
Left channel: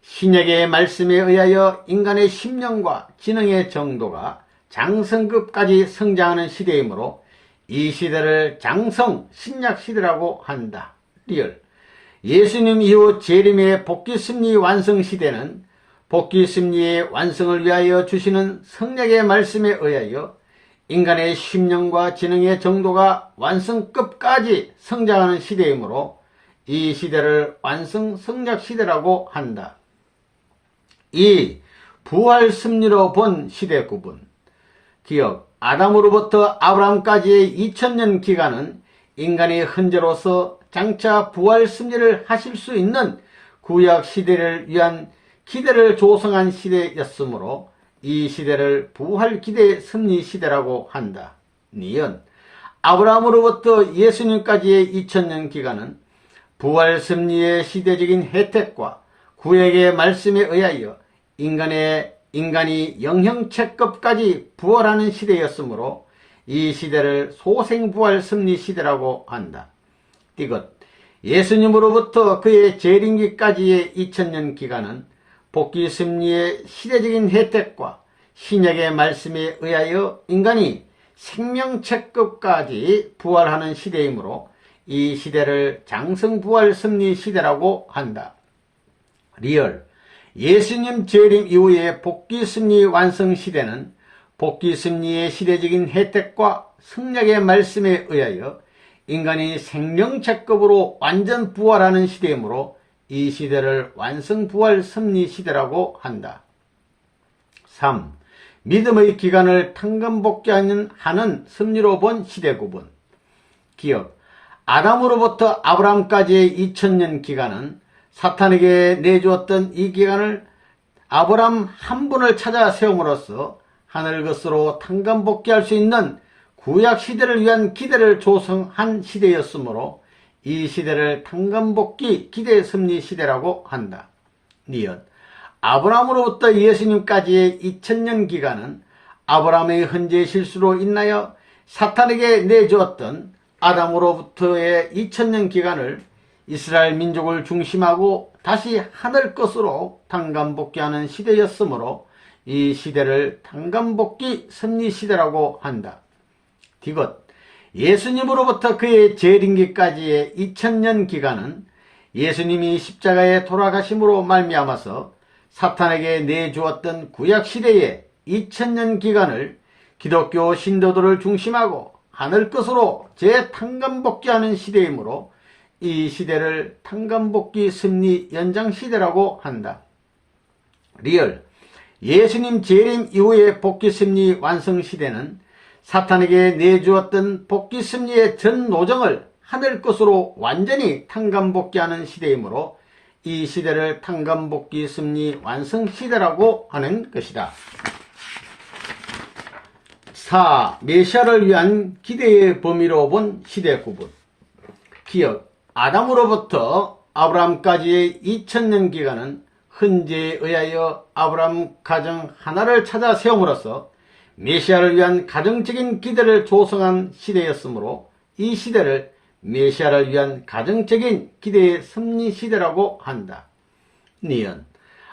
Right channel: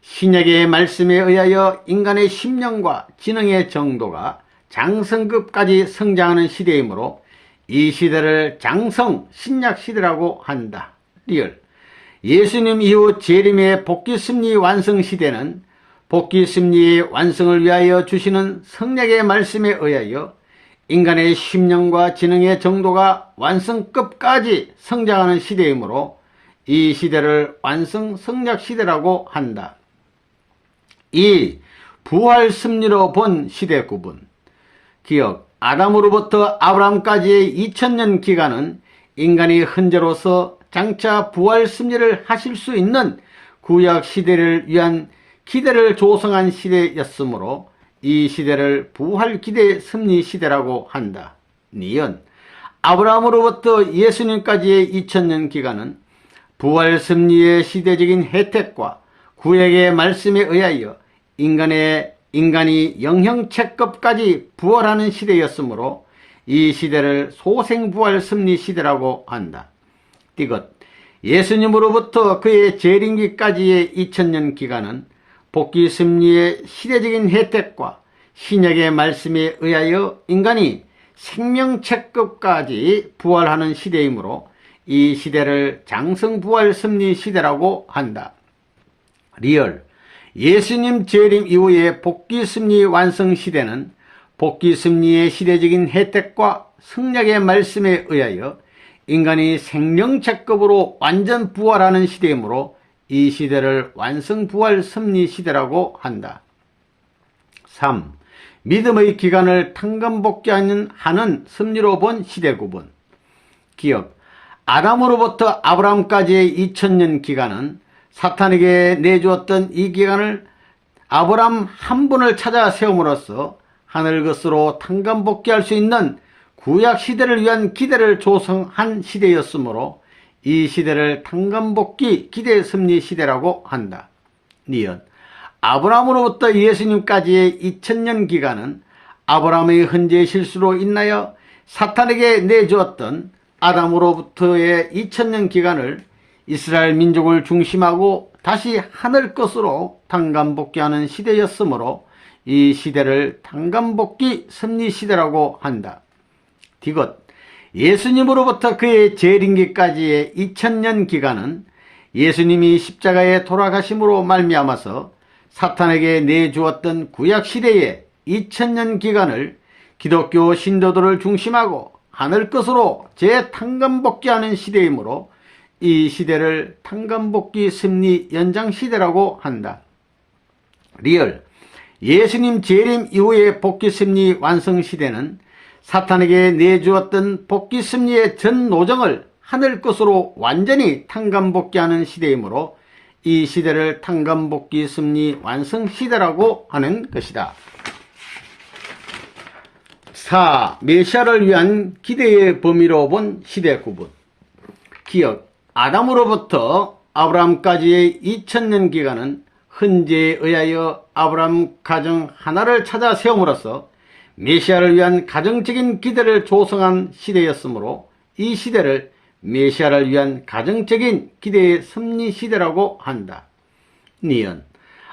신약의 말씀에 의하여 인간의 심령과 지능의 정도가 장성급까지 성장하는 시대이므로 이 시대를 장성 신약 시대라고 한다. 리얼. 예수님 이후 재림의 복귀 승리 완성 시대는 복귀 승리의 완성을 위하여 주시는 성령의 말씀에 의하여 인간의 심령과 지능의 정도가 완성급까지 성장하는 시대이므로 이 시대를 완성 성약 시대라고 한다. 2. 부활 승리로 본 시대 구분. 기억. 아담으로부터 아브라함까지의 2000년 기간은 인간이 헌재로서 장차 부활 승리를 하실 수 있는 구약 시대를 위한 기대를 조성한 시대였으므로 이 시대를 부활 기대 승리 시대라고 한다. 니은. 아브라함으로부터 예수님까지의 2000년 기간은 부활 승리의 시대적인 혜택과 구약의 말씀에 의하여 인간이 영형체급까지 부활하는 시대였으므로 이 시대를 소생부활 승리 시대라고 한다. 디귿. 예수님으로부터 그의 재림기까지의 2000년 기간은 복귀 승리의 시대적인 혜택과 신약의 말씀에 의하여 인간이 생명체급까지 부활하는 시대이므로 이 시대를 장성부활 승리 시대라고 한다. 리얼. 예수님 재림 이후의 복귀 승리 완성 시대는 복귀 승리의 시대적인 혜택과 성령의 말씀에 의하여 인간이 생명체급으로 완전 부활하는 시대이므로 이 시대를 완성부활 승리 시대라고 한다. 3. 믿음의 기간을 탕감복귀하는 승리로 본 시대 구분. 기억. 아담으로부터 아브라함까지의 2000년 기간은 사탄에게 내주었던 이 기간을 아브라함 한 분을 찾아 세움으로써 하늘 것으로 탕감복귀할 수 있는 구약 시대를 위한 기대를 조성한 시대였으므로 이 시대를 탕감복귀 기대 승리 시대라고 한다. 니은. 아브라함으로부터 예수님까지의 2000년 기간은 아브라함의 헌재 실수로 인하여 사탄에게 내주었던 아담으로부터의 2000년 기간을 이스라엘 민족을 중심하고 다시 하늘 것으로 탕감복귀하는 시대였으므로 이 시대를 탕감복귀 승리 시대라고 한다. 디귿. 예수님으로부터 그의 재림기까지의 2000년 기간은 예수님이 십자가에 돌아가심으로 말미암아서 사탄에게 내주었던 구약시대의 2000년 기간을 기독교 신도들을 중심하고 하늘 것으로 재탕감복귀하는 시대이므로 이 시대를 탕감복귀 승리 연장 시대라고 한다. 리얼. 예수님 재림 이후의 복귀 승리 완성 시대는 사탄에게 내주었던 복귀 승리의 전 노정을 하늘 것으로 완전히 탕감복귀하는 시대이므로 이 시대를 탕감복귀 승리 완성 시대라고 하는 것이다. 4. 메시아를 위한 기대의 범위로 본 시대 구분. 기억. 아담으로부터 아브라함까지의 2000년 기간은 헌재에 의하여 아브라함 가정 하나를 찾아 세움으로써 메시아를 위한 가정적인 기대를 조성한 시대였으므로 이 시대를 메시아를 위한 가정적인 기대의 섭리 시대라고 한다. 니은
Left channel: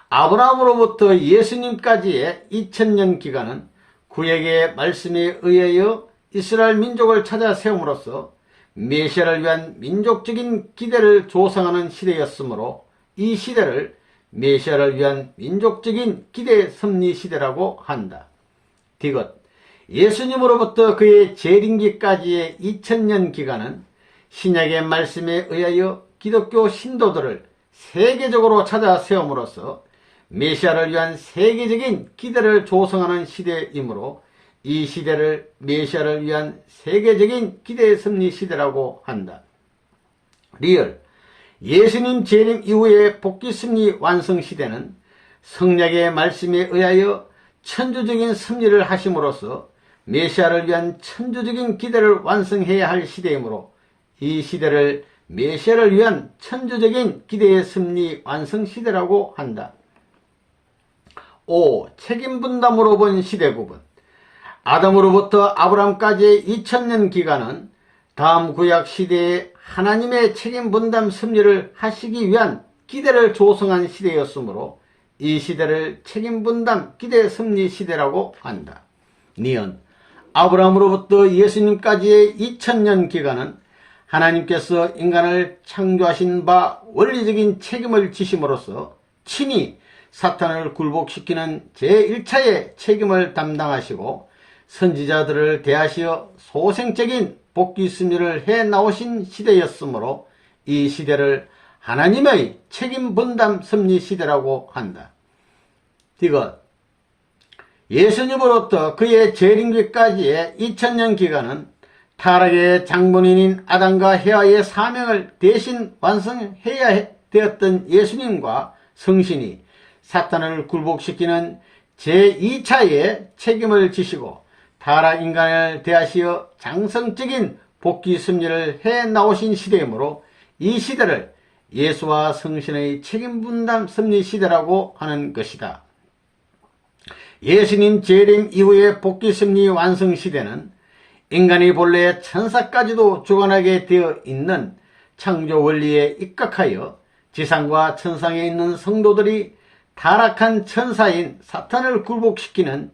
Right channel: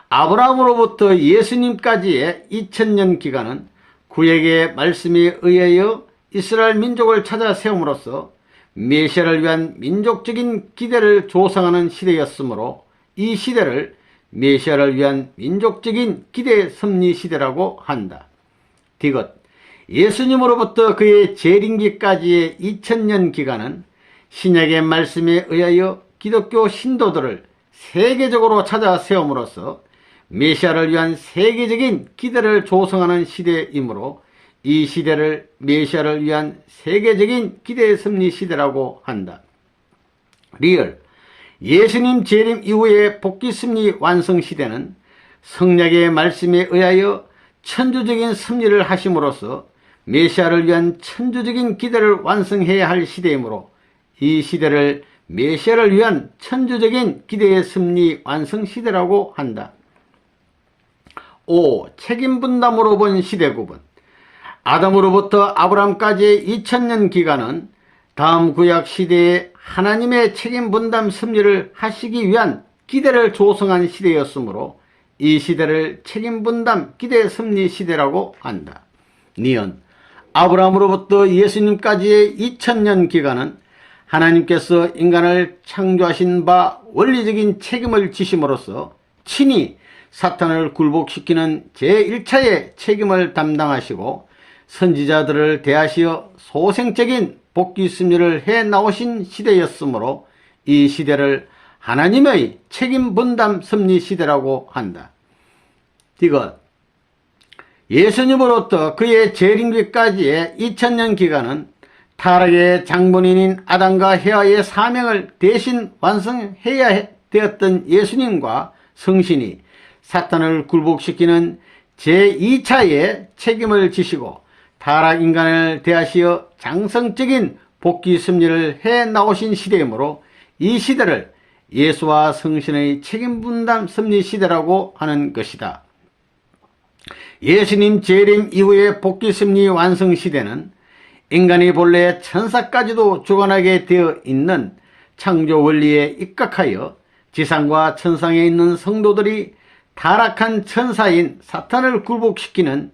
아브라함으로부터 예수님까지의 2000년 기간은 구약의 말씀에 의하여 이스라엘 민족을 찾아 세움으로써 메시아를 위한 민족적인 기대를 조성하는 시대였으므로 이 시대를 메시아를 위한 민족적인 기대 섭리 시대라고 한다. 디귿 예수님으로부터 그의 재림기까지의 2000년 기간은 신약의 말씀에 의하여 기독교 신도들을 세계적으로 찾아 세움으로써 메시아를 위한 세계적인 기대를 조성하는 시대이므로 이 시대를 메시아를 위한 세계적인 기대 섭리 시대라고 한다. 리얼 예수님 재림 이후의 복귀 섭리 완성 시대는 성약의 말씀에 의하여 천주적인 섭리를 하심으로써 메시아를 위한 천주적인 기대를 완성해야 할 시대이므로 이 시대를 메시아를 위한 천주적인 기대의 섭리 완성 시대라고 한다. 5. 책임분담으로 본 시대 구분 아담으로부터 아브라함까지의 2000년 기간은 다음 구약 시대에 하나님의 책임분담 섭리를 하시기 위한 기대를 조성한 시대였으므로 이 시대를 책임분담 기대 섭리 시대라고 한다. 니은 아브라함으로부터 예수님까지의 2000년 기간은 하나님께서 인간을 창조하신 바 원리적인 책임을 지심으로써 친히 사탄을 굴복시키는 제1차의 책임을 담당하시고 선지자들을 대하시어 소생적인 복귀 섭리를 해 나오신 시대였으므로 이 시대를 하나님의 책임 분담 섭리 시대라고 한다. 디귿 예수님으로부터 그의 재림기까지의 2000년 기간은 타락의 장본인인 아담과 헤아의 사명을 대신 완성해야 되었던 예수님과 성신이 사탄을 굴복시키는 제2차의 책임을 지시고 타락 인간을 대하시어 장성적인 복귀 섭리를 해 나오신 시대이므로 이 시대를 예수와 성신의 책임 분담 섭리 시대라고 하는 것이다. 예수님 재림 이후의 복귀 섭리 완성 시대는 인간이 본래 천사까지도 주관하게 되어 있는 창조 원리에 입각하여 지상과 천상에 있는 성도들이 타락한 천사인 사탄을 굴복시키는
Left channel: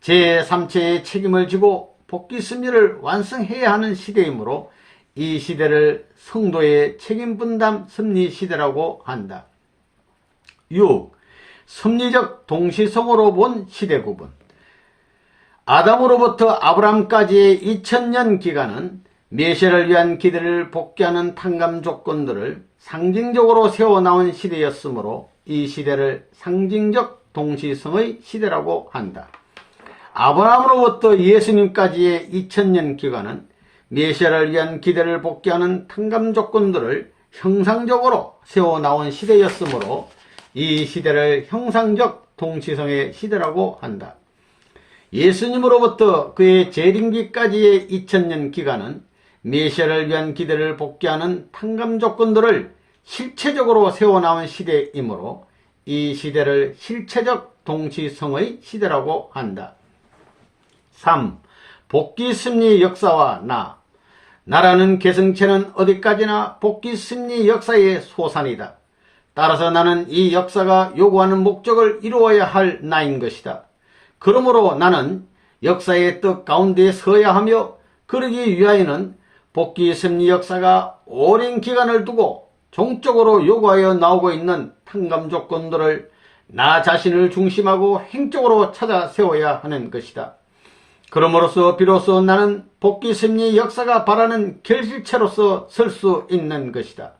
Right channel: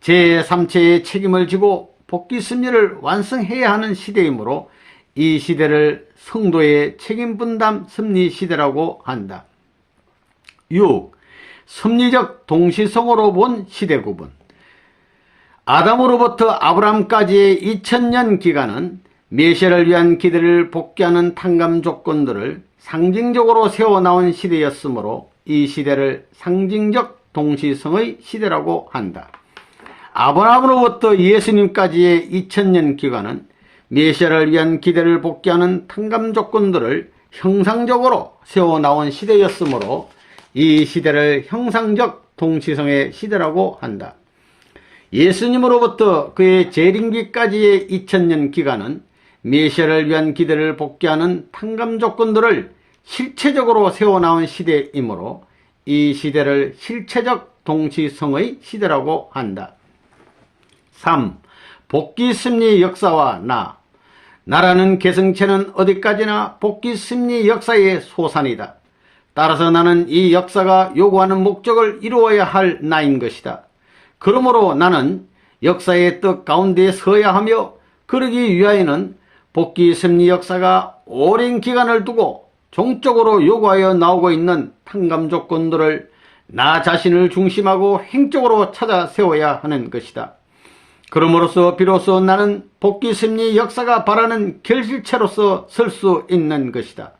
제3체의 책임을 지고 복귀 섭리를 완성해야 하는 시대이므로 이 시대를 성도의 책임 분담 섭리 시대라고 한다. 6. 섭리적 동시성으로 본 시대 구분 아담으로부터 아브라함까지의 2000년 기간은 메시아를 위한 기대를 복귀하는 탕감 조건들을 상징적으로 세워나온 시대였으므로 이 시대를 상징적 동시성의 시대라고 한다. 아브라함으로부터 예수님까지의 2000년 기간은 메시아를 위한 기대를 복귀하는 탕감 조건들을 형상적으로 세워나온 시대였으므로 이 시대를 형상적 동시성의 시대라고 한다. 예수님으로부터 그의 재림기까지의 2000년 기간은 메시아를 위한 기대를 복귀하는 탕감 조건들을 실체적으로 세워나온 시대이므로 이 시대를 실체적 동시성의 시대라고 한다. 3. 복귀 섭리 역사와 나라는 개성체는 어디까지나 복귀 섭리 역사의 소산이다. 따라서 나는 이 역사가 요구하는 목적을 이루어야 할 나인 것이다. 그러므로 나는 역사의 뜻 가운데 서야 하며 그러기 위하여는 복귀 섭리 역사가 오랜 기간을 두고 종적으로 요구하여 나오고 있는 탕감 조건들을 나 자신을 중심하고 행적으로 찾아 세워야 하는 것이다. 그러므로서 비로소 나는 복귀 섭리 역사가 바라는 결실체로서 설 수 있는 것이다.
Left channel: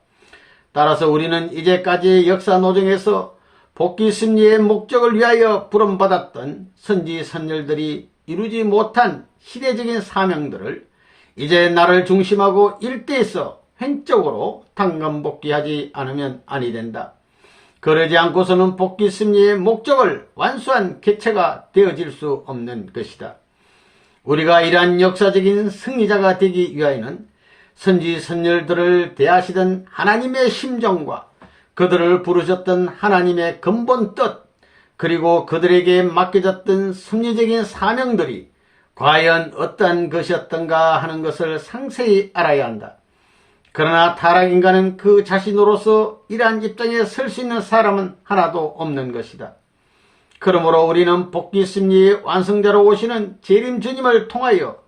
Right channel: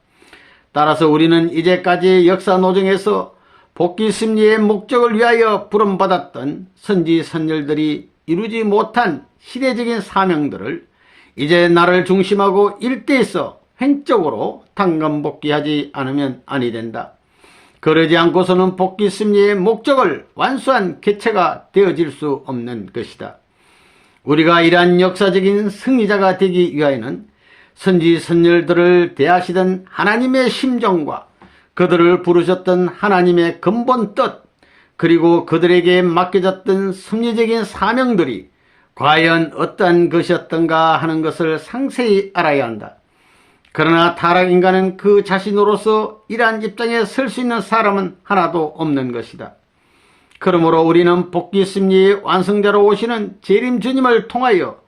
따라서 우리는 이제까지 역사 노정에서 복귀 섭리의 목적을 위하여 부름받았던 선지 선열들이 이루지 못한 시대적인 사명들을 이제 나를 중심하고 일대에서 횡적으로 탕감 복귀하지 않으면 아니 된다. 그러지 않고서는 복귀 섭리의 목적을 완수한 개체가 되어질 수 없는 것이다. 우리가 이러한 역사적인 승리자가 되기 위하여는 선지 선열들을 대하시던 하나님의 심정과 그들을 부르셨던 하나님의 근본 뜻, 그리고 그들에게 맡겨졌던 섭리적인 사명들이 과연 어떠한 것이었던가 하는 것을 상세히 알아야 한다. 그러나 타락인간은 그 자신으로서 이러한 입장에 설 수 있는 사람은 하나도 없는 것이다. 그러므로 우리는 복귀 심리의 완성자로 오시는 재림 주님을 통하여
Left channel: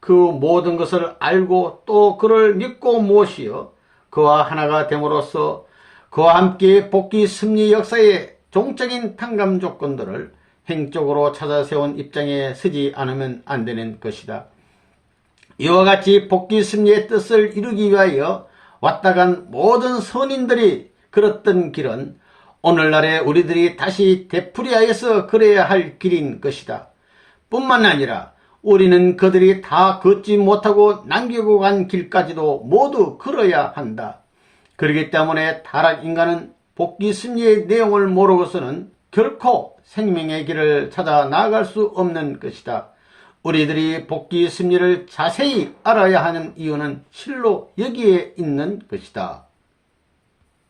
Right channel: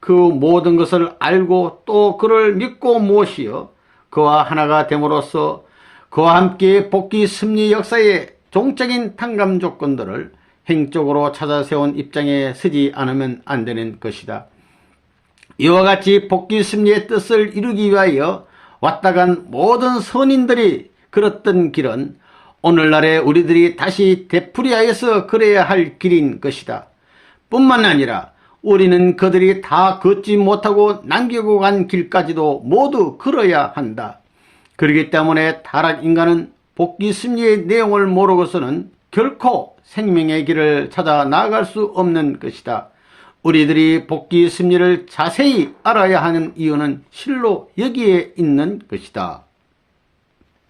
그 모든 것을 알고 또 그를 믿고 모시어 그와 하나가 됨으로써 그와 함께 복귀 심리 역사의 종적인 탕감 조건들을 행적으로 찾아 세운 입장에 서지 않으면 안 되는 것이다. 이와 같이 복귀 심리의 뜻을 이루기 위하여 왔다 간 모든 선인들이 걸었던 길은 오늘날에 우리들이 다시 되풀이하여서 걸어야 할 길인 것이다. 뿐만 아니라 우리는 그들이 다 걷지 못하고 남기고 간 길까지도 모두 걸어야 한다. 그렇기 때문에 타락인간은 복귀 심리의 내용을 모르고서는 결코 생명의 길을 찾아 나아갈 수 없는 것이다. 우리들이 복귀 심리를 자세히 알아야 하는 이유는 실로 여기에 있는 것이다.